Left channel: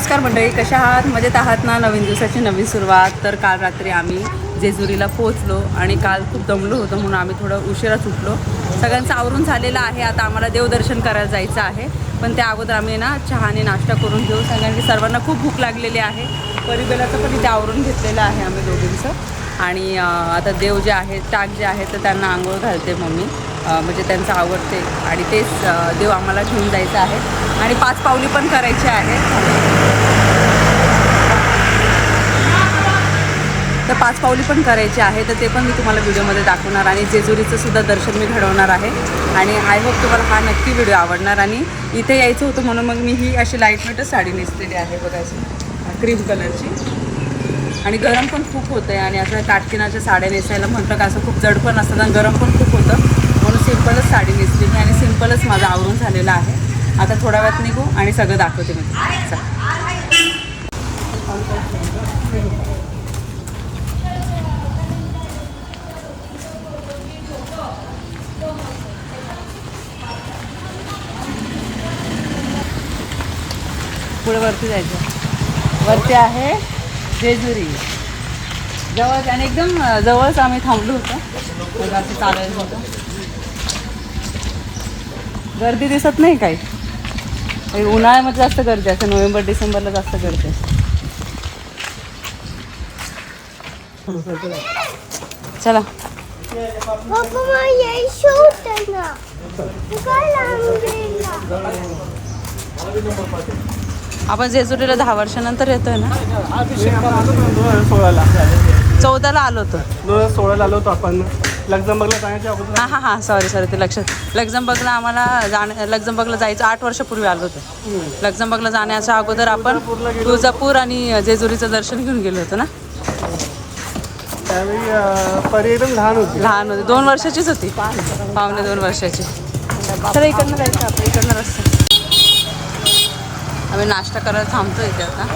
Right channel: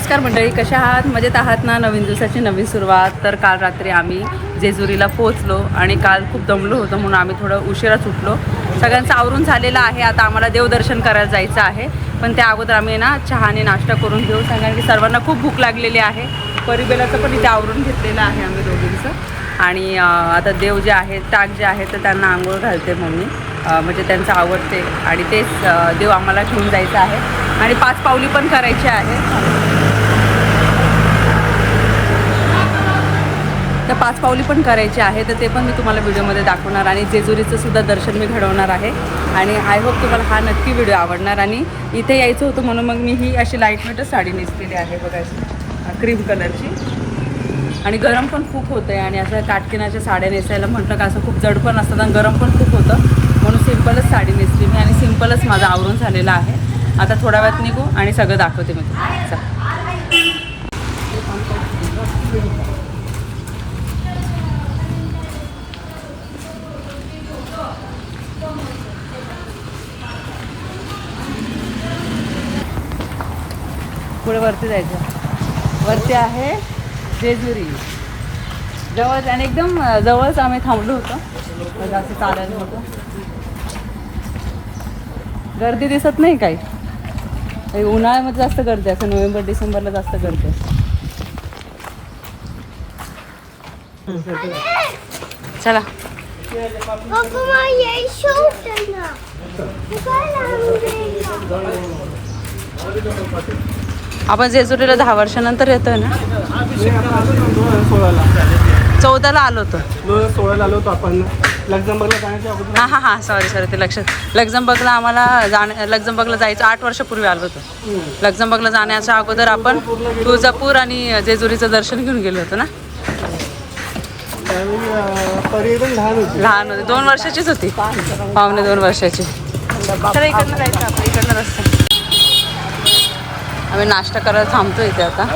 नमस्कार मंडळी कशा आहात? मजेत आहात ना? नवीन दिवसाची नवीन सुरुवात. तर काल रात्री आम्ही जेजुरीला पोहोचलो आणि काल खूप दमलो होतो म्हणून आम्ही थोडं उशिरा सुटलो सगळ्यांचं आवरून झालेलं आहे. आता आम्हाला देवदर्शन करायला जायचं आहे. पण त्या अगोदर आम्ही ना चहाने नाश्ता करून घेऊ. कारण की सर्वांना खूप भूक लागलेली आहे. परिबेलाचं पण इथे आवरून घेतलेलं आहे आम्ही दोघींचं. आणि आता देव जे आहे टाक जे आहे तर त्यांना आंघोळ घालते मम्मी. म्हणजे त्यांचं आवडते. आणि तेच देव आम्हाला घेऊन जायचं आहे. आणि पाच पावली पण करायची आहे. तर पाच पावली पण करायची आहे तर ते पण मी तुम्हाला व्हिडिओमध्ये दाखवणार आणि जेजुरीचं सुद्धा दर्शन मी घडवणार आहे. आणि आय होप तुम्हाला हा नक्की व्हिडिओ आवडणार आणि इथे यायचं होतं म्हणून मग मी ही अशी लाइट लाईटवेटच साडी नेसलेली आहे बघायची क्रीम कलरची आणि गरम पण खूप होतं आहे आणि असं काटकिनाच्या साड्या नेसायला म्हटलं का असं खूप जड पण असतात आणि गरम पण खूप होतं. म्हणून सिम्पलच साडी नेसलेली आणि सिम्पलच माझं आवरून झालेलं आहे. आता थोड्या वेळात निघू आणि सगळं दाखवते मी तुम्हाला. पुढे वरती जायचं. वरती आहे जेजुरी. जवळच आणि एकदम जवळच आम्ही थांबलो होतो. म्हणजे असं चालायला होतं गर्दी दिसत नाही काही. उन्हाळ्यामध्ये जास्त गर्दी असते नोव्हेंबर डिसेंबरला जास्त गर्दी असते. चला. आपण जेजुरीला दहा वर्षानंतर येतोय ना? दोन हजार सोळाला चौदाला आलो होतो. दोन हजार सोळाला आलो होतो आपण लक्झमबर्गला जाण्याच्या अगोदर हां हां हां सॉरी सॉरी ते लक्षात. लक्झमबर्गला आम्हाला जाण्या लक्झमबर्गला जायचं आठ वर्षापूर्वी आलो होतो. लक्झमबर्गला जाण्याच्या अगोदर आपण तुळजापूर आणि जेजुरीचं दर्शन घेऊन गेलो होतो ना? त्यावेळी पर्यटन लहान होते. लहान होती. दोन वर्षाचीच होती. पावणे दोन वर्षाची. चला इकडनं जायचं आपण. इकडनं रस्ता. आम्ही नाश्ता करायला थांबतो इथे आता.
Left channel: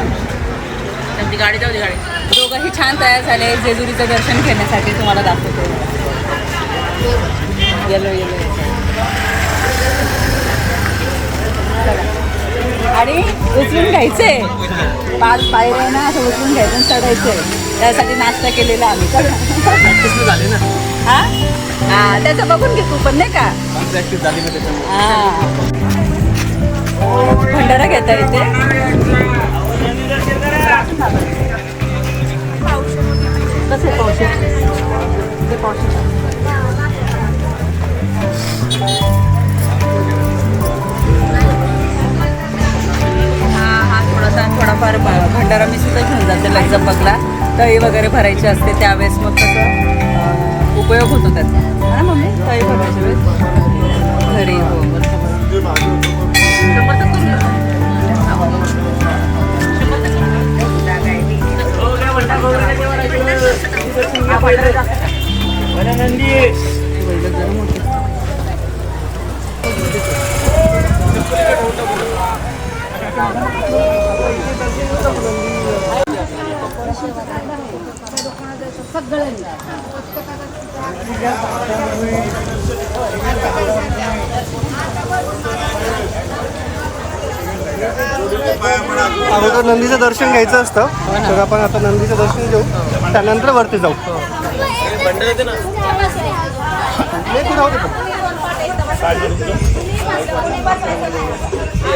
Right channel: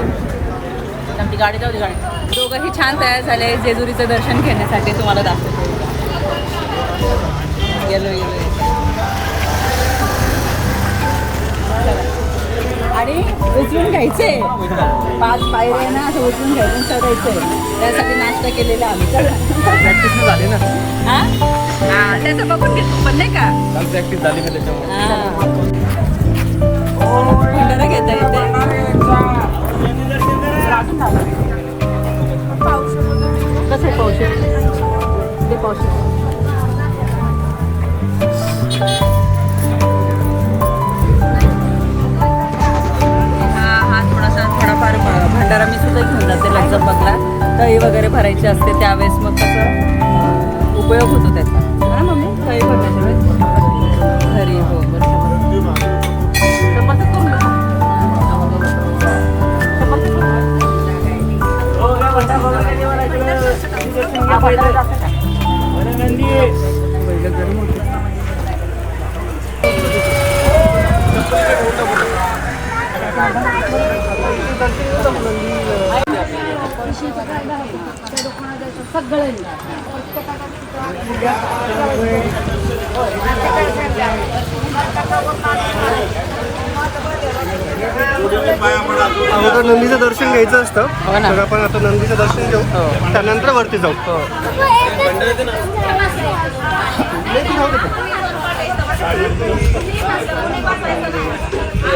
आमची गाडी जाऊ दे गाडी. दोघंही छान तयार झाले जेजुरीचं दर्शन घेण्यासाठी तुम्हाला दाखवतो. येलो येलो आणि उचलून घ्यायचे. पाच पायऱ्या आहे ना असं उचलून घ्यायचं आणि चढायचंय त्यासाठी नाश्ता केलेला आम्ही. चला. झाली ना. हा? हा त्याचं बघून घे तू पण नाही का? प्रॅक्टिस झाली ना त्याच्यामुळे. हा. भंडारा घेता येते. कसे पावशे? ते पावशे. थोडाफार भंडारा मी सुद्धा घेऊन जाते लग्जंबकला तळी वगैरे भरायची असते त्यावेळेस मग कसं उपयोग होतो त्याचा. हा ना मम्मी? तळी भरण्याच्या वेळेस? घरी हो बरोबर. अगोदर नंदीचं दर्शन घ्यायचं असतं. हो ना. तर आपण आता नंदीचं दर्शन घेऊ. त्यानंतर वरती जाऊ. नाही, तू राहू दे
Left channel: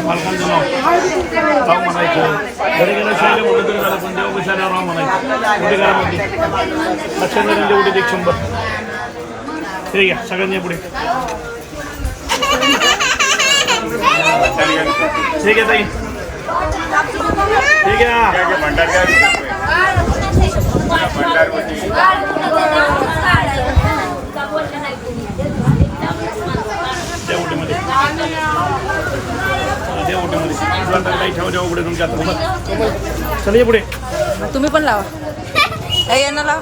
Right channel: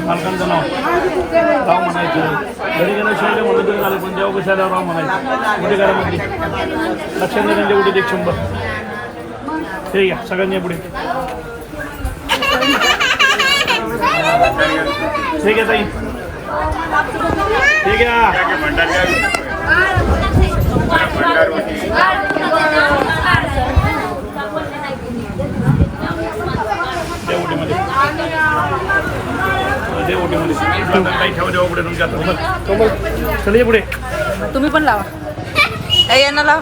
मालकांचं नाव राव म्हणायचं घरी गेलं शाळेला म्हणलं तरी झालं पण देवा शाळेला राव म्हणायचं मोठे घरामध्ये लक्षात त्यांच्या उडीत एक शंभर हे घ्या पुढे हे घ्या ताई हे घ्या त्या ओटीमध्ये काही ठेवा देवा पुढे तुमच्या हातात चल ये पुढे. तुम्ही पण लावा. यांना लाव.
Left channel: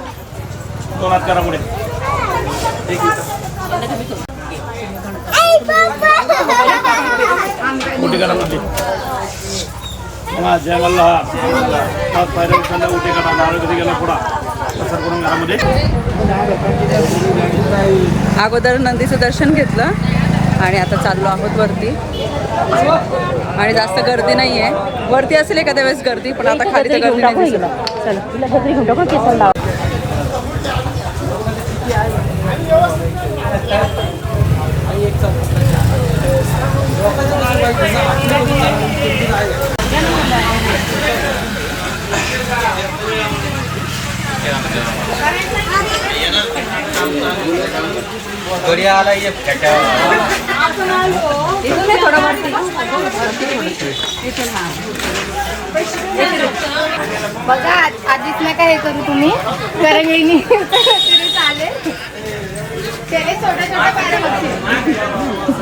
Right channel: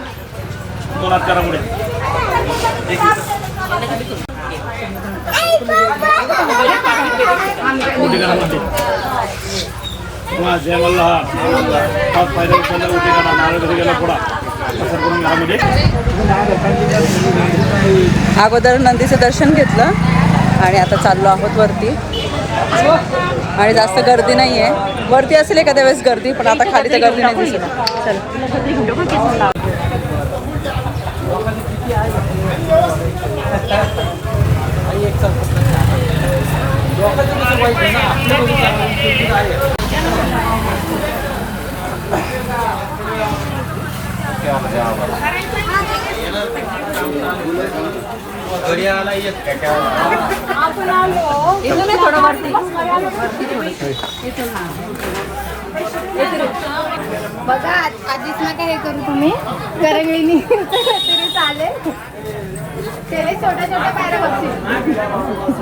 दोन हात करा पुढे. करा पाच पायऱ्या करा. नारळ गेला पुढा. पसर करून घरामध्ये अगोदर नंदीचं दर्शन घेतलं आणि आता चाललो आहोत वरती. आणि जास्त गर्दी नाही आहे वरती असेल एखाद्या वेळेस गर्दी पण आता खाली तर गर्दी नाही दिसत. चला. इथून थोडं वरती वरती इथून हा बघा आधीच नका हे करू तुम्ही. करंगळीनी तरी चालेल. त्याने छोट्या छोट्या पायऱ्या बघतील.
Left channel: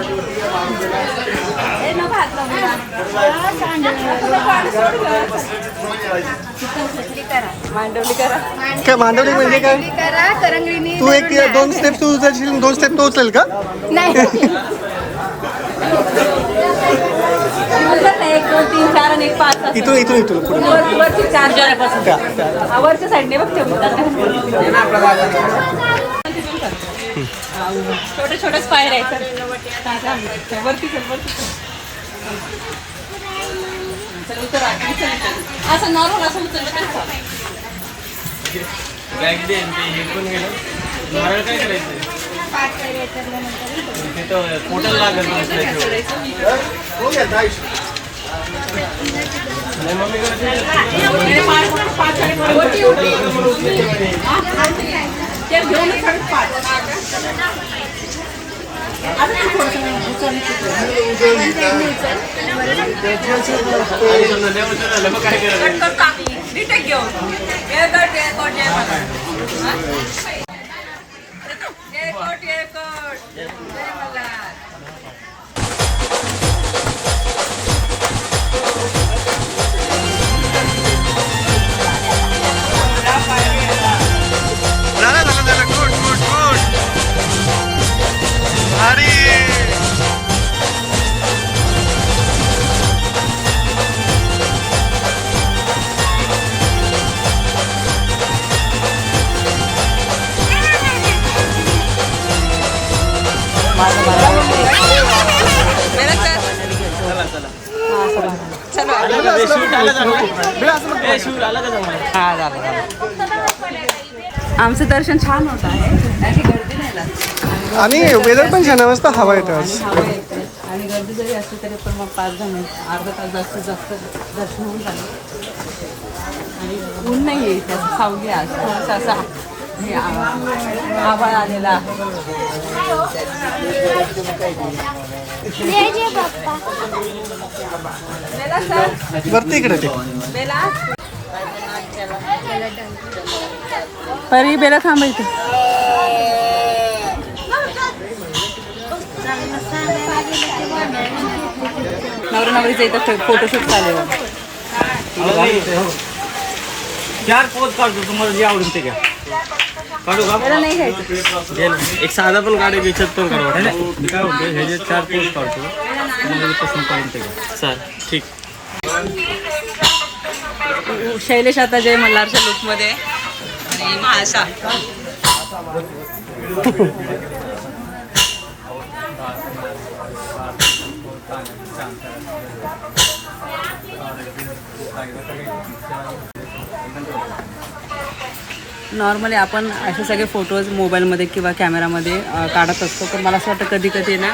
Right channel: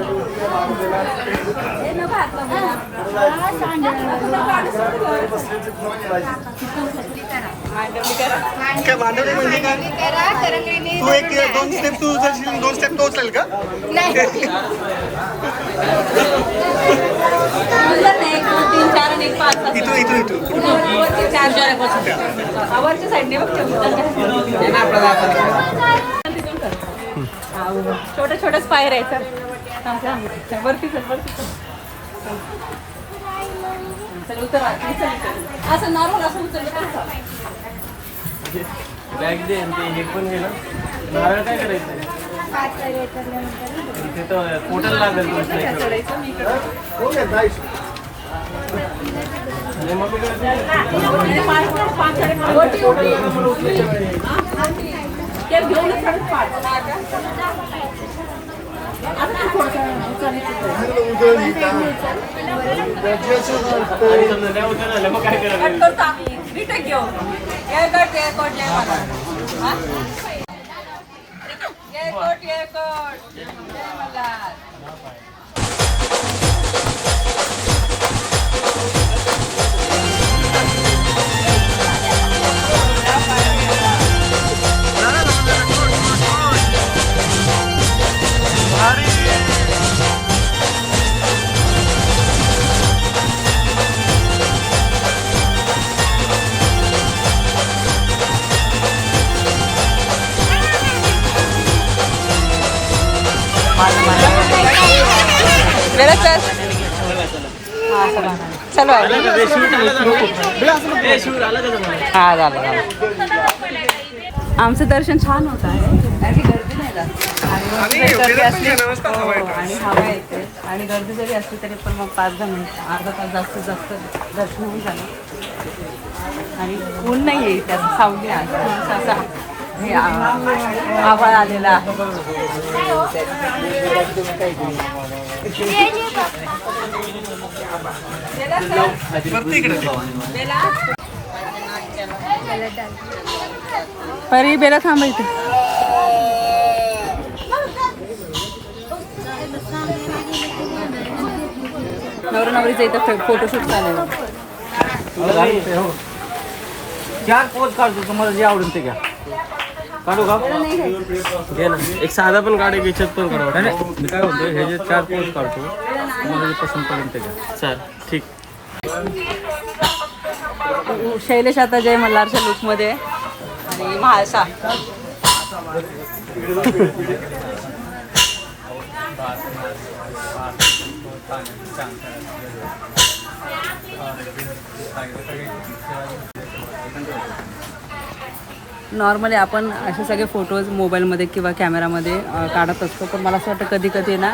हा, काय मांडवली म्हणजे काय? करा करंगळीनी तू एक दोन स्टेप तू उचलशील दोन स्टेप तू उचल का? नाही. एक दोन तीन चार आणि एक पाच इथून इथून इथून पुढे चार चार वरच्या साईडने बघ छोटे छोटेच पायर आहे तर वरती चल वरती चल उतर उचल, उचल. असं नॉर्मल असं नारळ काय करायचं? पोटाला लागेल तुमच्या ते घेऊनच खरंच पाठ. आता तू थोडंसं उचल, करतो आम्ही. घेऊन. जय कोट, हा? मेरा चल हा. चलो हा झालं झालं आमचं दर्शन छान होत आहे गर्दी नाही. आणि गर्दी वेदर पण असली- छान आहे, मस्त हवा येते. आणि हवा येते आणि गर्दी जरी असली तरी पण मग पाच दहा मिनिट अर्धा तास जास्तीत जास्त दर्शन होऊन झालं आणि ऊन नाही आहे त्यात सावली आहे थोडंसं असं हे आ- आभाळ आलेला आहे वरती इकडे ते परी बेला थांबा इथे. नवरा नवरीचं इथं फोटोशूट चालू आहे चार पोत हो. काढतो तुम्हाला जे आवडेल ते घ्या. काढू का? दे ना. एक साधा पण काढू की याच्यात पण काढू वाटलं. मी काय म्हणतो हे जे चार पोत काढतो तुम्हाला जे पसंत पडेल ते घ्या. सर ठीक. शैलेश आता जय मल्हारच्या लुकमध्ये आणि नॉर्मली आपण असे सगळे फोटोज मोबाईलमध्ये किंवा कॅमेरामध्ये काढत असतो. पण मला असं वाटतं कधी कधी ना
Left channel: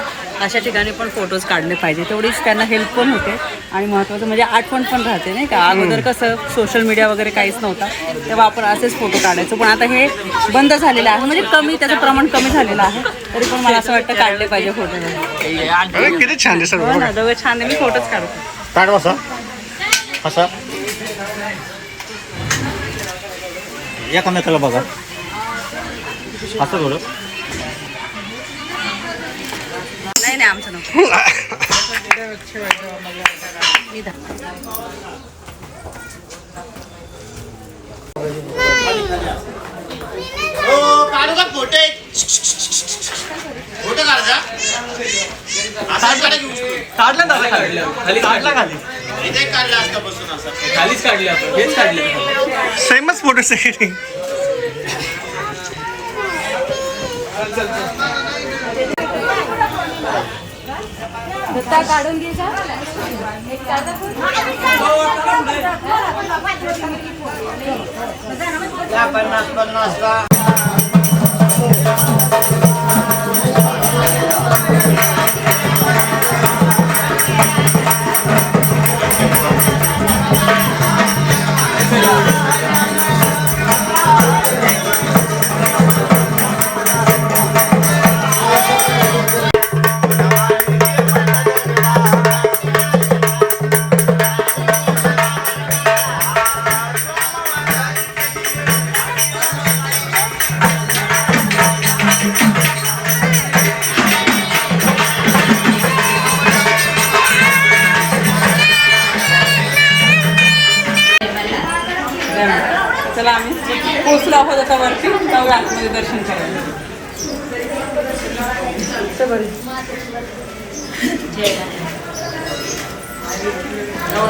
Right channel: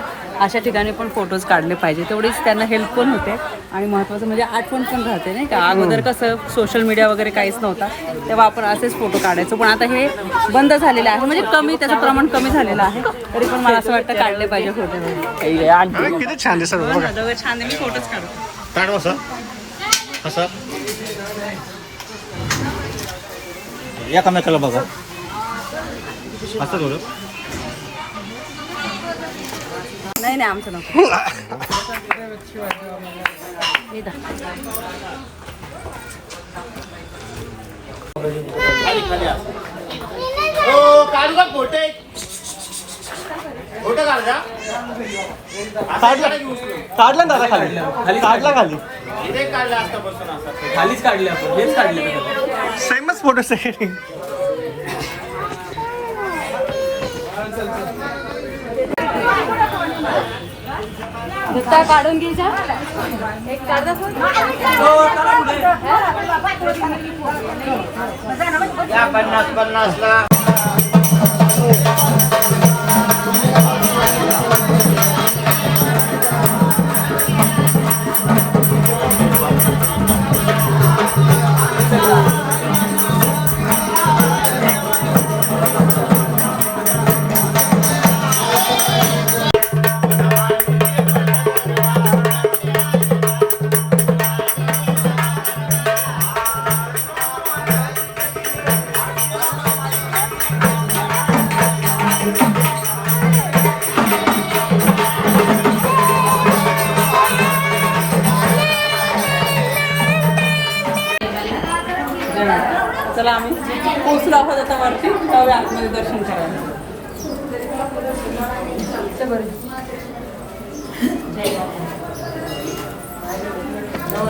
अशा ठिकाणी पण फोटोज काढले पाहिजे. तेवढीच त्यांना हेल्प पण होते. आणि महत्त्वाचं म्हणजे आठवण पण राहते नाही का? अगोदर कसं सोशल मीडिया वगैरे काहीच नव्हता तेव्हा आपण असेच फोटो काढायचो. पण आता हे बंद झालेलं आहे. म्हणजे कमी त्याचं प्रमाण कमी झालेलं आहे. तरी पण मला असं वाटतं काढले पाहिजे फोटो किती छान छान आहे. मी फोटोच काढतो. असा एकामेकाला बघा. असं थोडं. नाही नाही आमचं नको. काढू का फोटे फोटो काढा काढला दादा खाली. काढला खाली. इथे काढला असता बसून असं. खालीच काढले आपण हेच काढले सेमच फोटो काढून घ्यायचं. पन्नास पन्नास का? चला आम्ही पोचलो आहोत आता वरती. जाऊया आतमध्ये दर्शन करायला.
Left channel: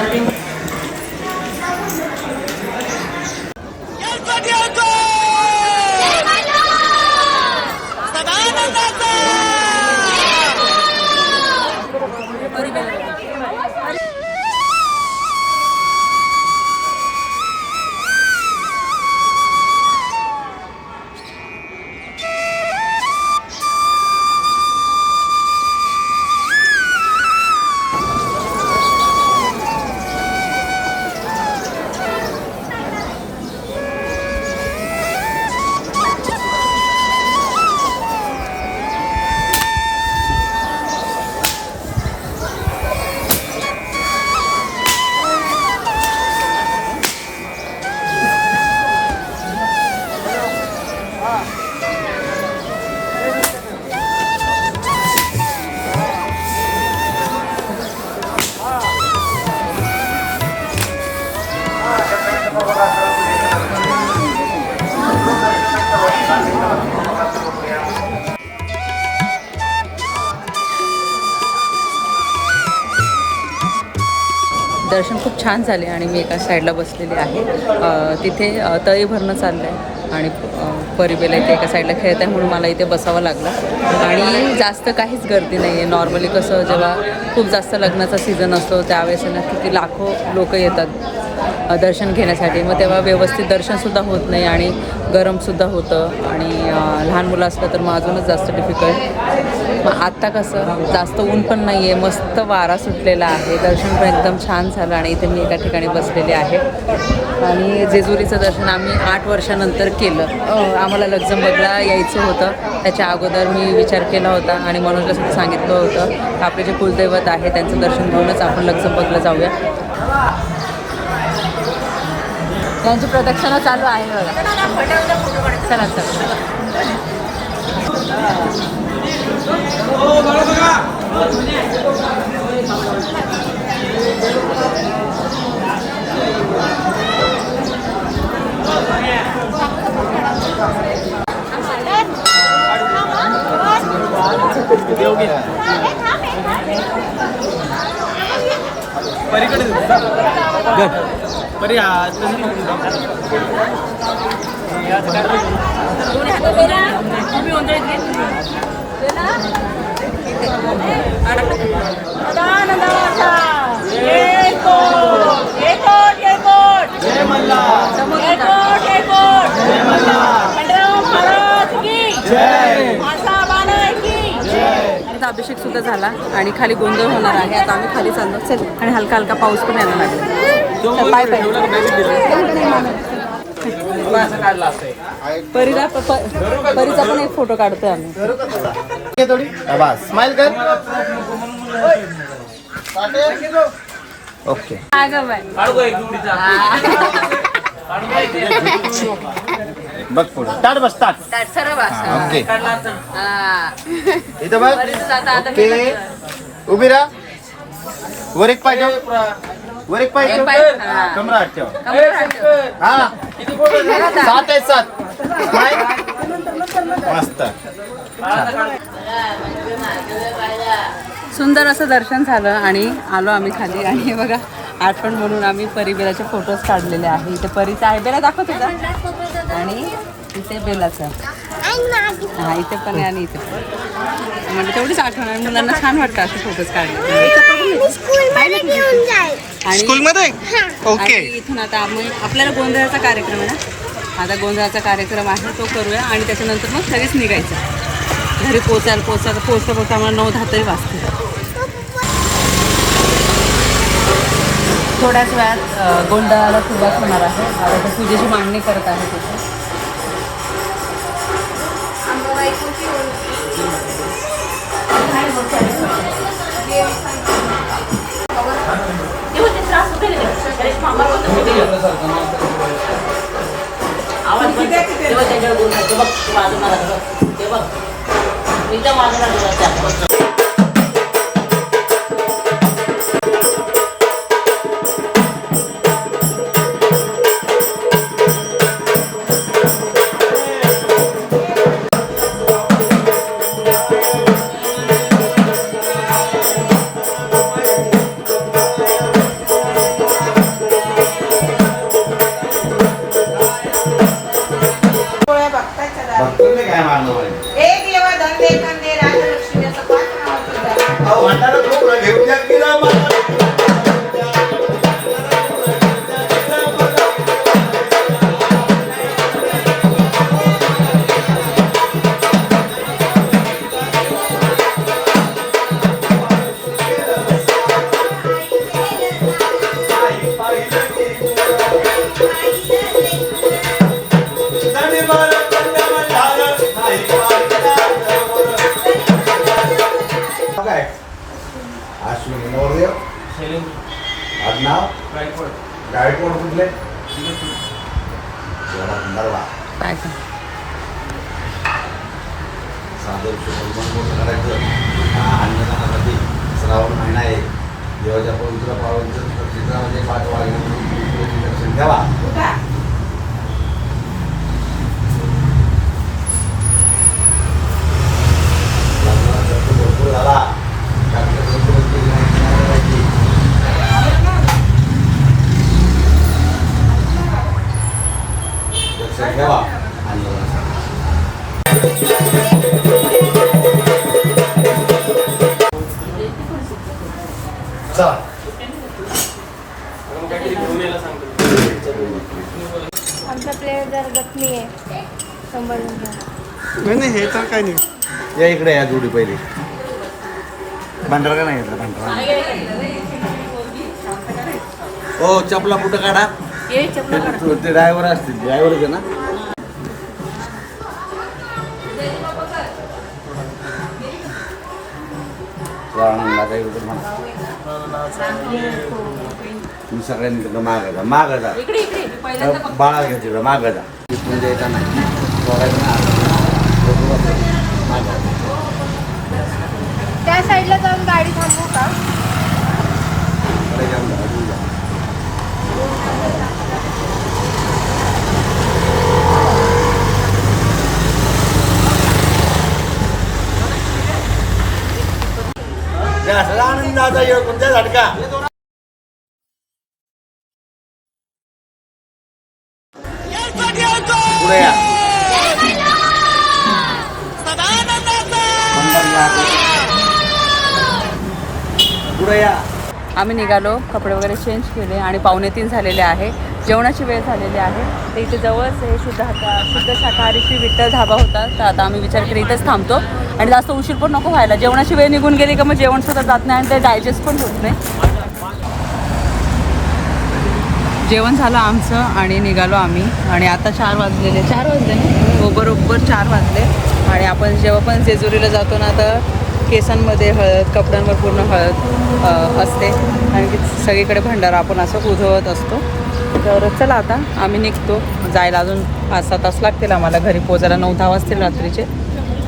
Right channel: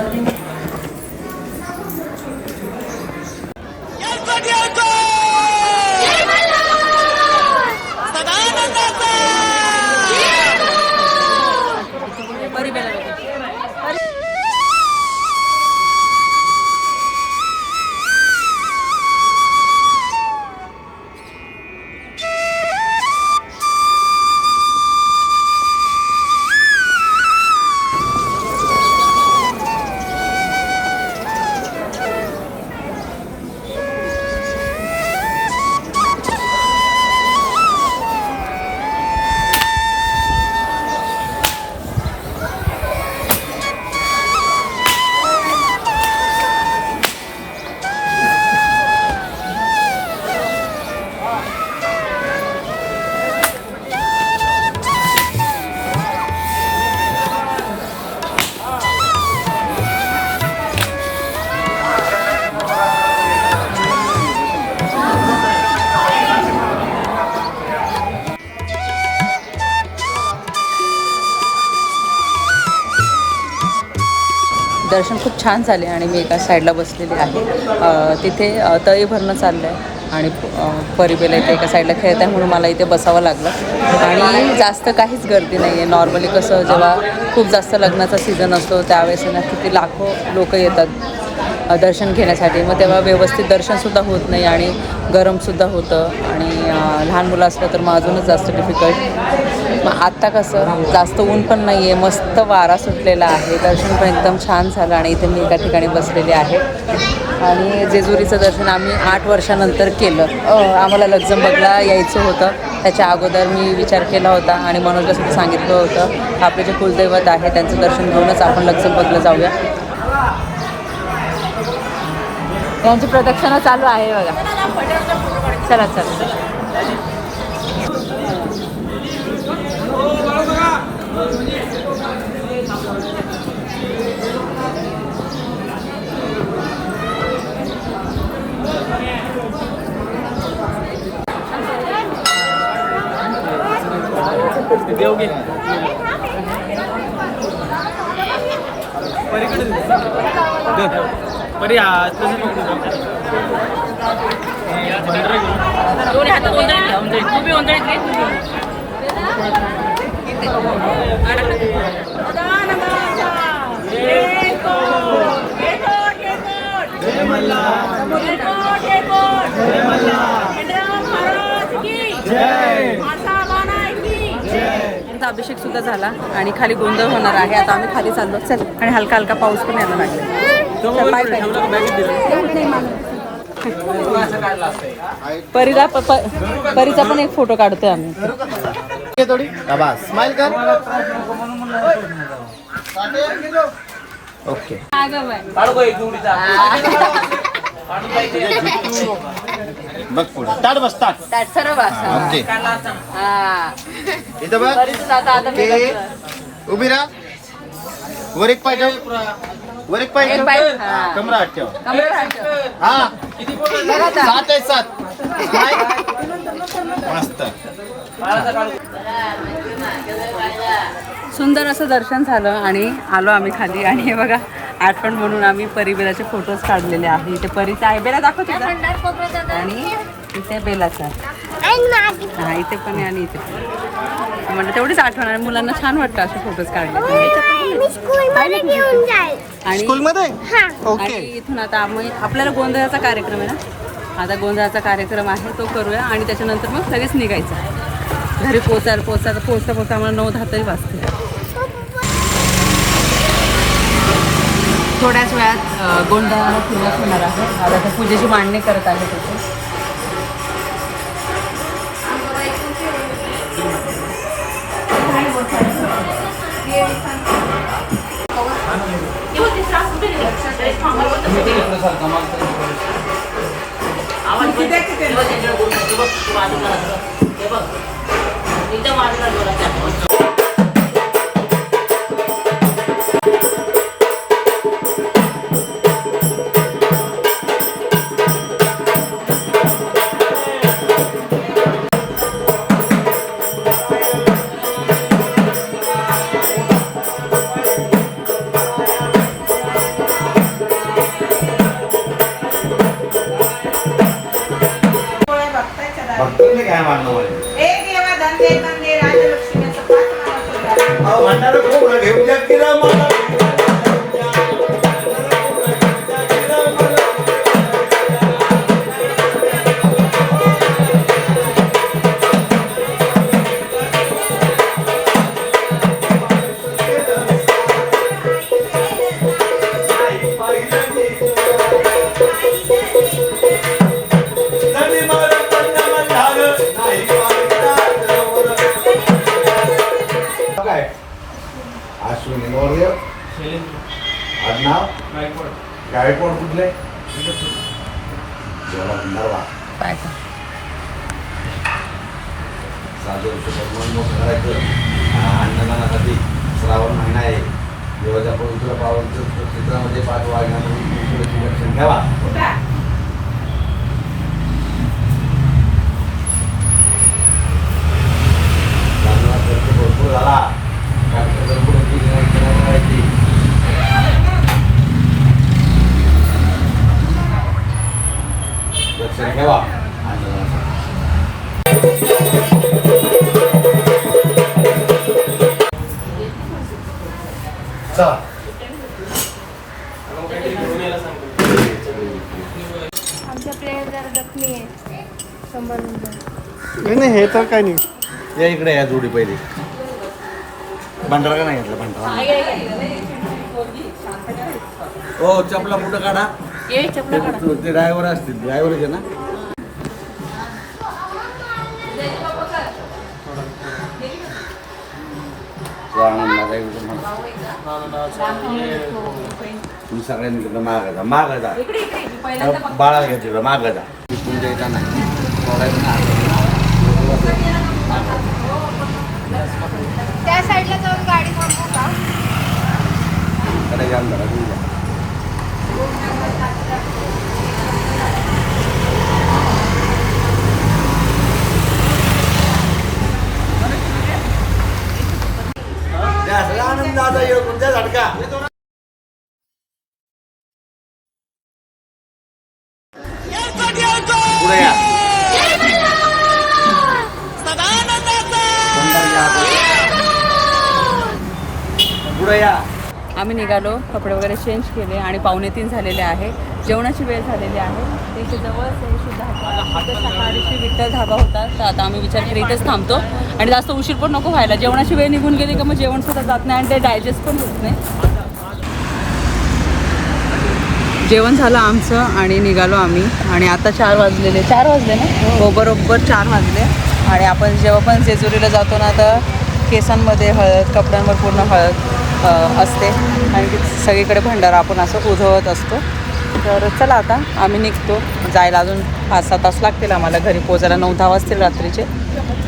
दर्शन खूप छान झाले आणि मी एका साईडला बसलेली आहे. तिथे तळी भरणं चाललं आहे आणि परिबेला इथे एका साईडला खेळत आहे म्हणून मला इथे बसावं लागलं. आणि जास्त काहीच गर्दी नाही आहे नॉर्मली कसं जेव्हा खूप जास्त लग्नाचा सीझन असतो त्यावेळेस ना किती लाखो लोक येतात दर्शन घेण्यासाठी. मग तेव्हा व्यवस्थित दर्शनसुद्धा होत नाही आणि गरमसुद्धा होतं. आणि लहान मुलं असलं तर मग अजूनच जास्त डिफिकल्ट मग आत्ता कसं? जास्त ऊन पण नाही आहे मस्त वारा सुटलेला आहे. दर्शन पण एकदम छान झालं आणि इथे मी एका ठिकाणी बसलेले आहे. आणि जेजुरीचं दर्शन आम्ही आठ वर्षानंतर केलं. आम्हाला आम्हाला लक्झमबर्गला यायचं होतं. त्याच्या अगोदर मी विचार केला होता आणि मनोजला सुद्धा सांगितलं होतं. आपले जे कुलदैवत आहे त्यांचं दर्शन घेऊनच आपण लक्झमबर्गला जाऊया. यांची प्रदक्षिणा चालू आहे. चला चला देव घे परी हात दोन्ही हात गोंधळीत घ्या गोंधळीत तुम्ही गोंधळीत घे आणि आता अभिषेक सुद्धा झाला आणि खाली गोंधळ होणार आहे. आता आम्ही खाली चाललो. चल. आणि हलका हलका पाऊस पण यायला लागला चल, पाय पाय. एवढं नाही मानत. परीला प- प- परीचा पण एक फोटो काढतोय आम्ही. थोडी। बस। स्माइल कर। ओके बघ पुढे. ताट बस ताट ओके. इथं बघ आता ओके. हे उभी राहा. वर एक पाय ठेव. वर एक पाय ठेव. कमरा आत ठेव. हा. सात आहे सात. सुंदर असं दर्शन झालं आणि आलो आम्ही खाली. आणि हे बघा आठवण म्हणून आम्ही परिबेलाचे फोटोज काढलेले आहे. इथे परीचा आहे. बेला दाखव तुझा. आणि इथे बेलाचा हा इथे पण आहे आणि इथे पण म्हणजे तेवढीच आठवण आहे. मुलांना छान वाटतं असे फोटोज काढले. आणि स्कूलमध्ये आणि ओके इथून आता आम्ही आपल्याला गोंधळाचा कार्यक्रम आहे ना? आता गोंधळाचा कार्यक्रम आहे तो करूया आणि त्याच्यानंतर मग सगळेच निघायचं. घरी पोचायला पोचायला पोचता पोचता आम्हाला नऊ दहा तरी वाजते थोड्याच वेळात गोंधळाला सुरुवात होणार आहे. आता तर पूजेची मांडणी करत आहे तिथे. बघतो 吧？不在。काय नाही या इकडे या जोडी पहिली भांडारा का नाही घेतला भांडारा हो चपला कुठं काढा ये चपला काढा. ते ड्रायव्हर असतील ड्रायव्हर होते ना आनंदाचा एवढं म्हणा तुम्ही सगळ्यांनी तिकडं मागायचा मागायचा त्या बाळा घ्या तिकडं मागायचा तिथून द्यायचा नाही सोडायचं नाही हातातून. मागायचा. त्या साईडला जाऊन गाडी थांबवू का कडे घ्या आमच्या घरी घ्या. द्या, सगळा आनंदाचा योग तुमच्या आम्ही निघालो कपडे वगैरे चेंज केले आणि पावणे तीन झालेले आहे. जेवणाची वेळ झालेली आहे. तर इथे जवळच हे शुद्ध शुद्ध शाकाहारी श्री विठ्ठल धाबा होता. तर आता आम्ही विचार केला इथेच थांबतो. आणि जास्त उशीर पण नको व्हायला. जेवणाची वेळ निघून गेली का मग जेवण सुद्धा जात नाही आणि ते डायजेस्ट पण होत नाही. जेवण झालं आमचं आणि निघालो आम्ही. आणि आता चार वाजलेले. चार वाजले ना? हो बरोबर चार वाजले. आणि आपण जेव्हा पण जेजुरीला जातो ना तर केसांमध्ये हळद कपड्यांवर पूर्ण हळद. असते. आणि की सगळीकडे भंडारा आपण असं उधळत असतो. तर चला आता आम्ही निघतो. जायला अजून पाच सहा तास लागतील आम्हाला घरी पोचायला नऊ दहा वाजतील रात्रीचे.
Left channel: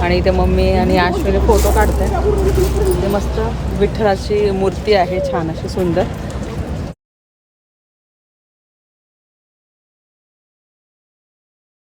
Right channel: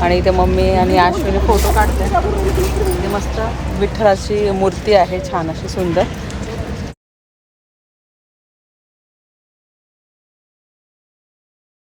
आणि इथे मम्मी आणि आश्विनी फोटो काढते ते मस्त विठ्ठलाची मूर्ती आहे छान अशी सुंदर.